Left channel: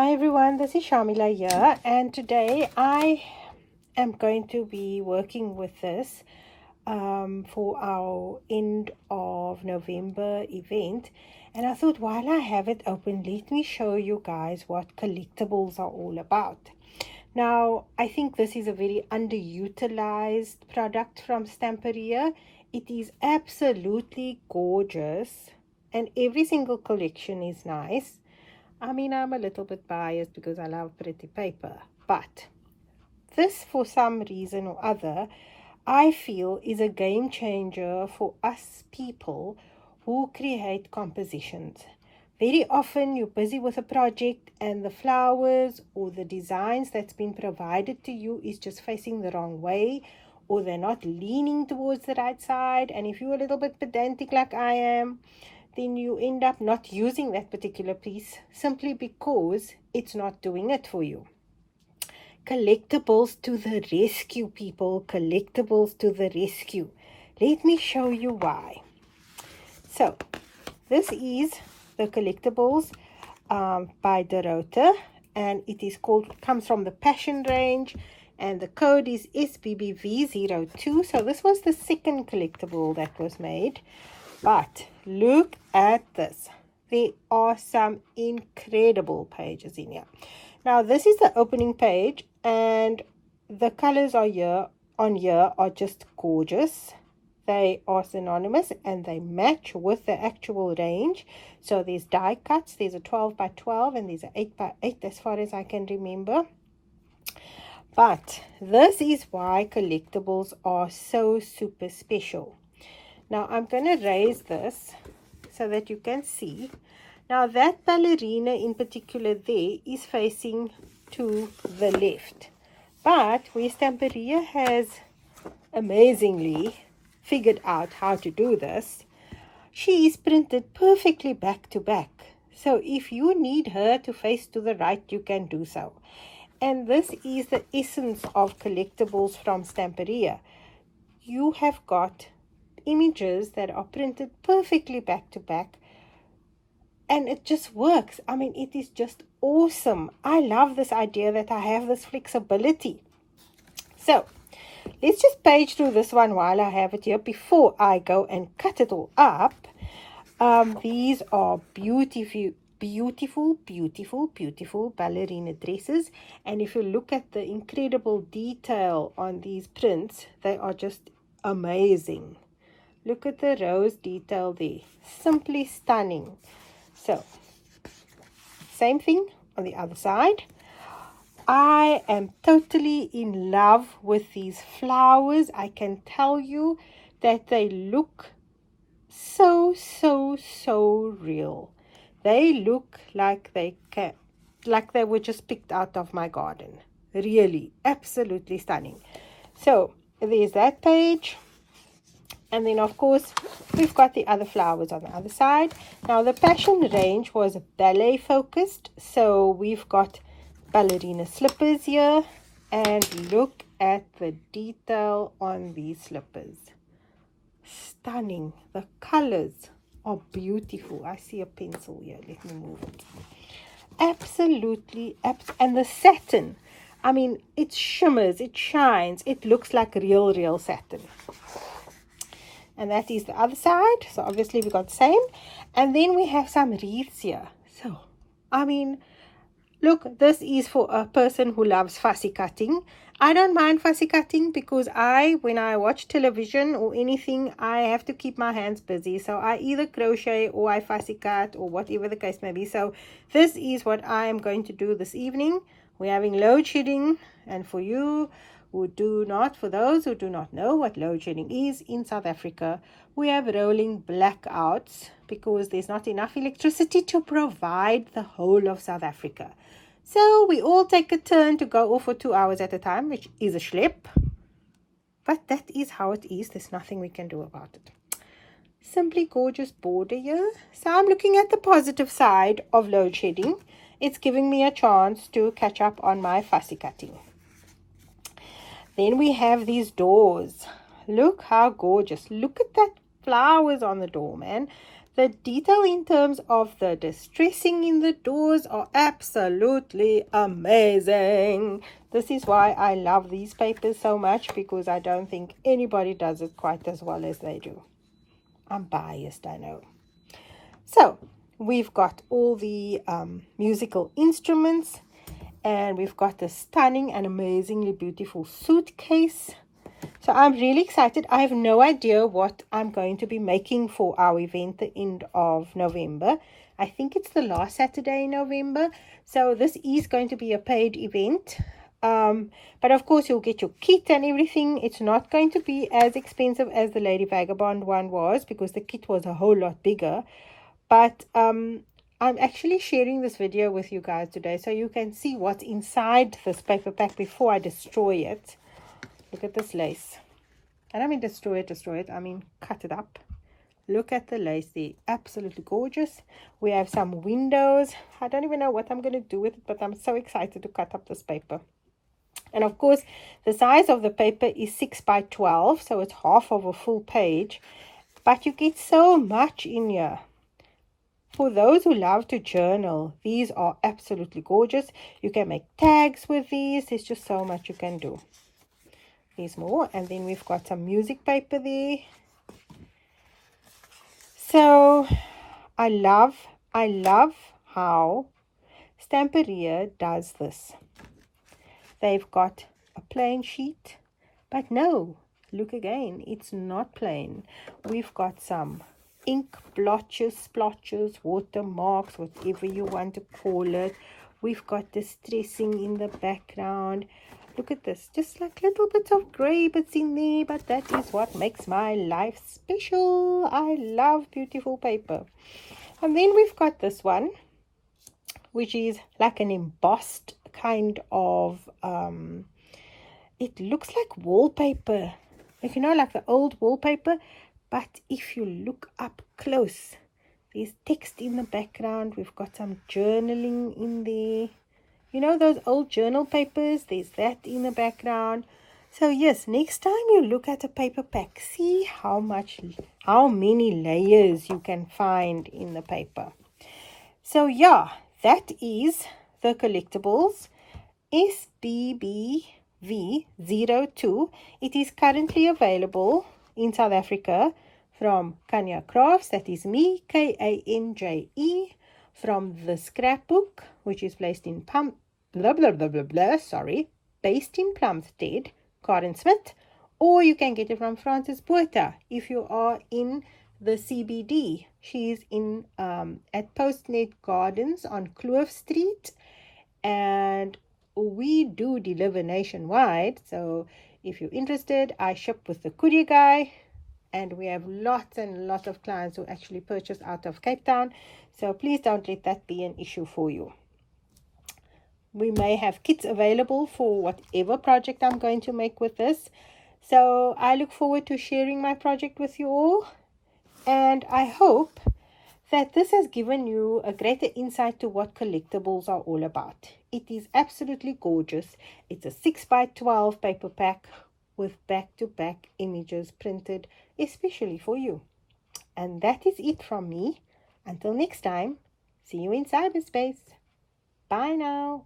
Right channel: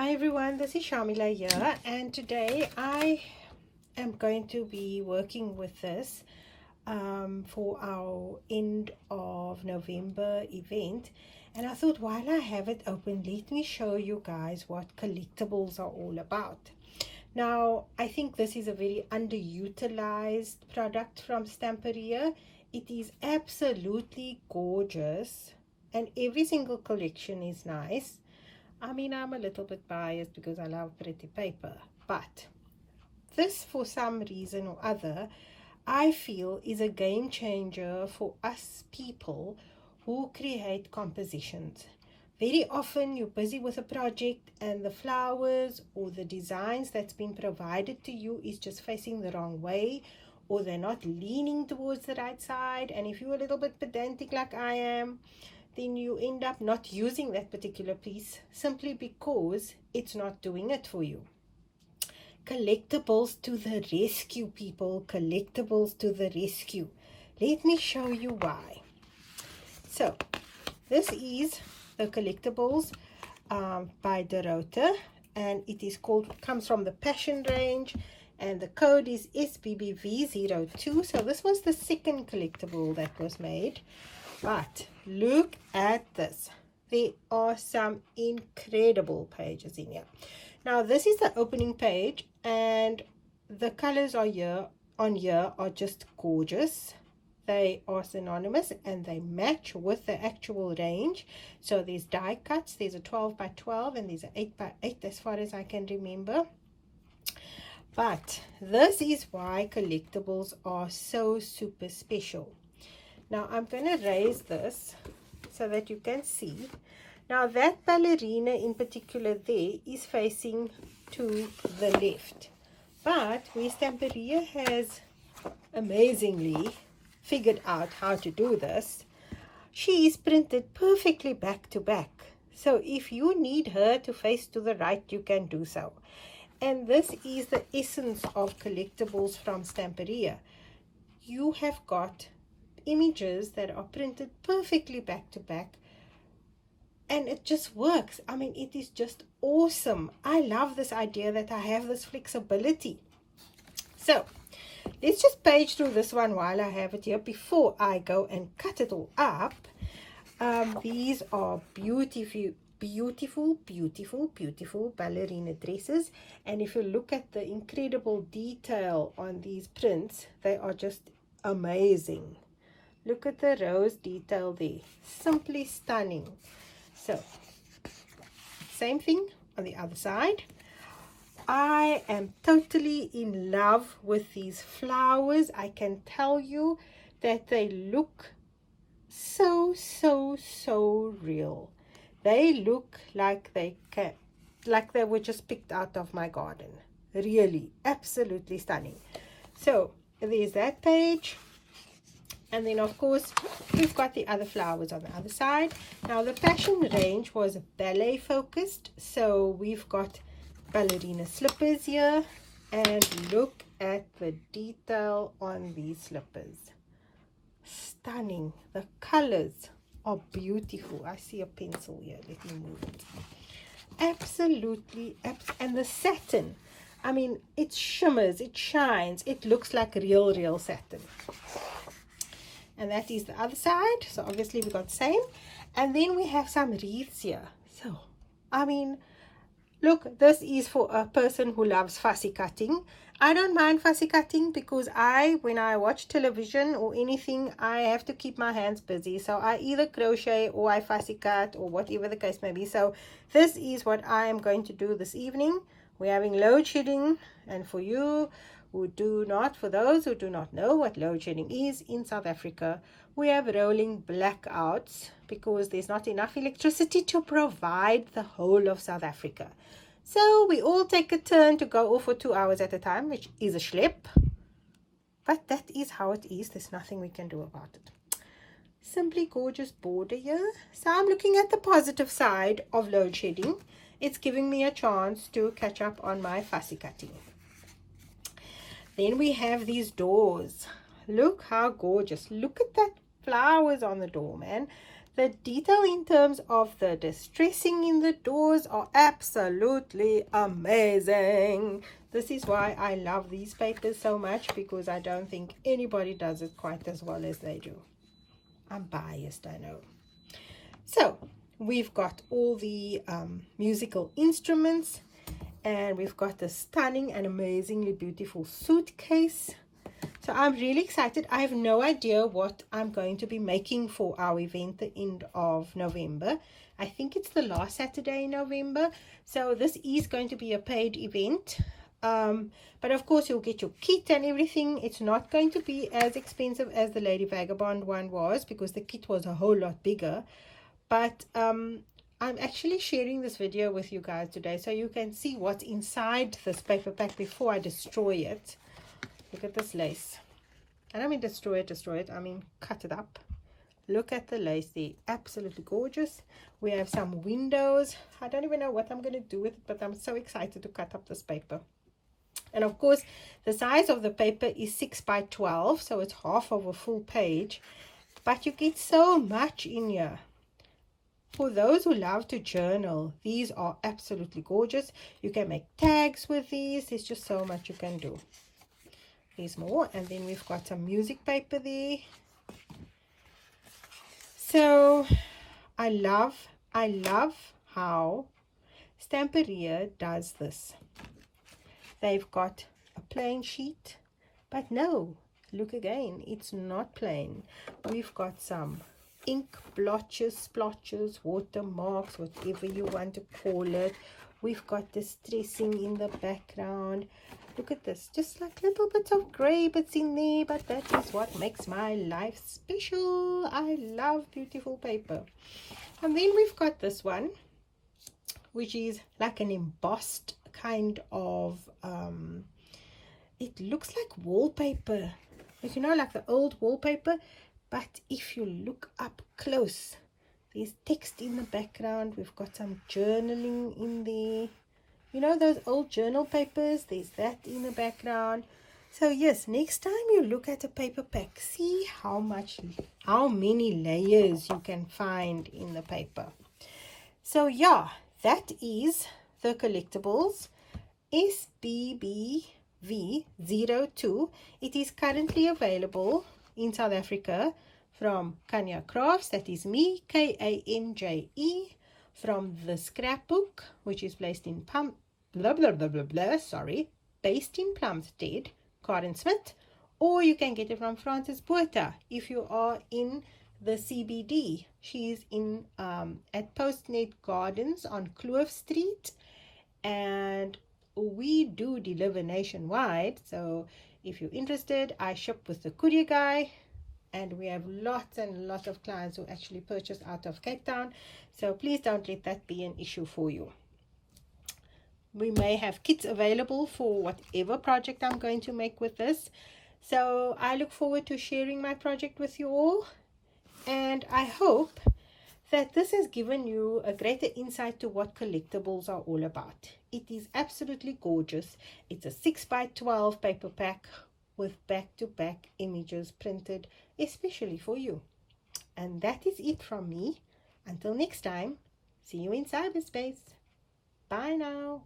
Hi everyone, this is Shamila here, and today I am going to be working with this for our end of November event. And I thought, while I have it open, let me show you guys what collectibles are all about. Now, I think this is a very underutilized product from Stamperia. It is absolutely gorgeous, and every single collection is nice. I mean, I'm a little bit biased because I love pretty paper, but this, for some reason or other, I feel is a game changer for us people who create compositions. Very often you're busy with a project and the flowers or the designs that's been provided to you is just facing the wrong way, or they're not leaning towards the right side. And if you're a little bit pedantic like I am, then you end up not using that particular piece simply because it's not doing it for you. Collectibles to the rescue, people. Collectibles to the rescue. Let me show you why. So, this is the Collectibles by Dorota, and it is comes from the Passion range, and the code is SBBV02. So this was the second collectible that was made. But look at this. There are some incredible pages in here. Now, this is the opening page, and the colors are are just gorgeous. They are synonymous and they match with the actual range. So there's die cuts. There's a 12 by 12 and there's an 8 by 8 as far as I can remember. But this is why collectibles are so super special. Now, I'm going to raise this so that you can see. Now, that ballerina in particular there is facing to the left. But where Stamperia has amazingly figured out how to do this, she is printed perfectly back to back. So if you need her to face to the right, you can do so. And this is the essence of collectibles from Stamperia. You have got images that are printed perfectly back to back, and it just works. I mean, it is just awesome. I love this idea that I have this flexibility. So let's just page through this one while I have it here before I go and cut it all up. These are beautiful ballerina dresses, and if you look at the incredible detail on these prints, they are just amazing. Look at the rose detail there. Simply stunning. So, same thing on the other side. I am totally in love with these flowers. I can tell you that they look so real. They look like they were just picked out of my garden. Really, absolutely stunning. So, there's that page. And then, of course, we've got the other flowers on the other side. Now, the Passion range was ballet focused. So, we've got ballerina slippers here. And look at the detail on these slippers. Stunning. The colors are beautiful. I see a pencil here. Let me move it. Absolutely. And the satin. I mean, it shimmers. It shines. It looks like real satin. And that is the other side. So obviously we got the same. And then we have some wreaths here. So, I mean, look, this is for a person who loves fussy cutting. I don't mind fussy cutting because when I watch television or anything, I have to keep my hands busy. So I either crochet or I fussy cut or whatever the case may be. So this is what I am going to do this evening. We're having load shedding, and for those who do not know what load shedding is in South Africa, we have rolling blackouts because there's not enough electricity to provide the whole of South Africa. So we all take a turn to go off for 2 hours at a time, which is a schlep. But that is how it is. There's nothing we can do about it. Simply gorgeous border here. So I'm looking at the positive side of load shedding. It's giving me a chance to catch up on my fussy cutting. Then we have these doors. Look how gorgeous. Look at that flowers on the door, man. The detail in terms of the distressing in the doors are absolutely amazing. This is why I love these papers so much, because I don't think anybody does it quite as well as they do. I'm biased, I know. So we've got all the musical instruments, and we've got the stunning and amazingly beautiful suitcase. So I'm really excited. I have no idea what I'm going to be making for our event the end of November. I think it's the last Saturday in November. So this is going to be a paid event. But of course you'll get your kit and everything. It's not going to be as expensive as the Lady Vagabond one was, because the kit was a whole lot bigger. But I'm actually sharing this video with you guys today so you can see what's inside this paper pack before I destroy it. Look at this lace. And I mean destroy it, I mean cut it up. Look at the lace there, absolutely gorgeous. We have some windows. I don't even know what I'm going to do with it, but I'm so excited to cut up this paper. And of course, the size of the paper is 6 by 12, so it's half of a full page. But you get so much in here. For those who love to journal, these are absolutely gorgeous. You can make tags with these. There's just so much you can do. There's more, and then we've got some music paper there. So I love how Stamperia does this. They've got a plain sheet, but no, look again, it's not plain. We've got some ink blotches, splotches, watermarks, whatever you want to call it. We've got distressing in the background. Look at this, just like little bits of grey bits in there, but that is what makes my life special. I love beautiful paper. And then we've got this one, which is like an embossed kind of, it looks like wallpaper, like, you know, like the old wallpaper. But if you look up close, there's text in the background. We've got some journaling in there. You know those old journal papers? There's that in the background. So yes, next time you look at a paper pack, see how many layers you can find in the paper. So yeah, that is the Collectables SBBV02. It is currently available in South Africa from Kanya Crafts, that is me, Kanje, from the Scrapbook, which is based in based in Plumstead, Karen Smith, or you can get it from Frances Botha if you are in the CBD. She's in at Postnet Gardens on Kloof Street, and we do deliver nationwide. So if you're interested, I ship with the courier guy, and we have lots and lots of clients who actually purchase out of Cape Town. So please don't let that be an issue for you. We may have kits available for whatever project I'm going to make with this. So I look forward to sharing my project with you all. And I hope that this has given you a greater insight to what Collectables are all about. It is absolutely gorgeous. It's a 6 by 12 paper pack with back-to-back images printed especially for you. And that is it from me. Until next time, see you in cyberspace. Bye now.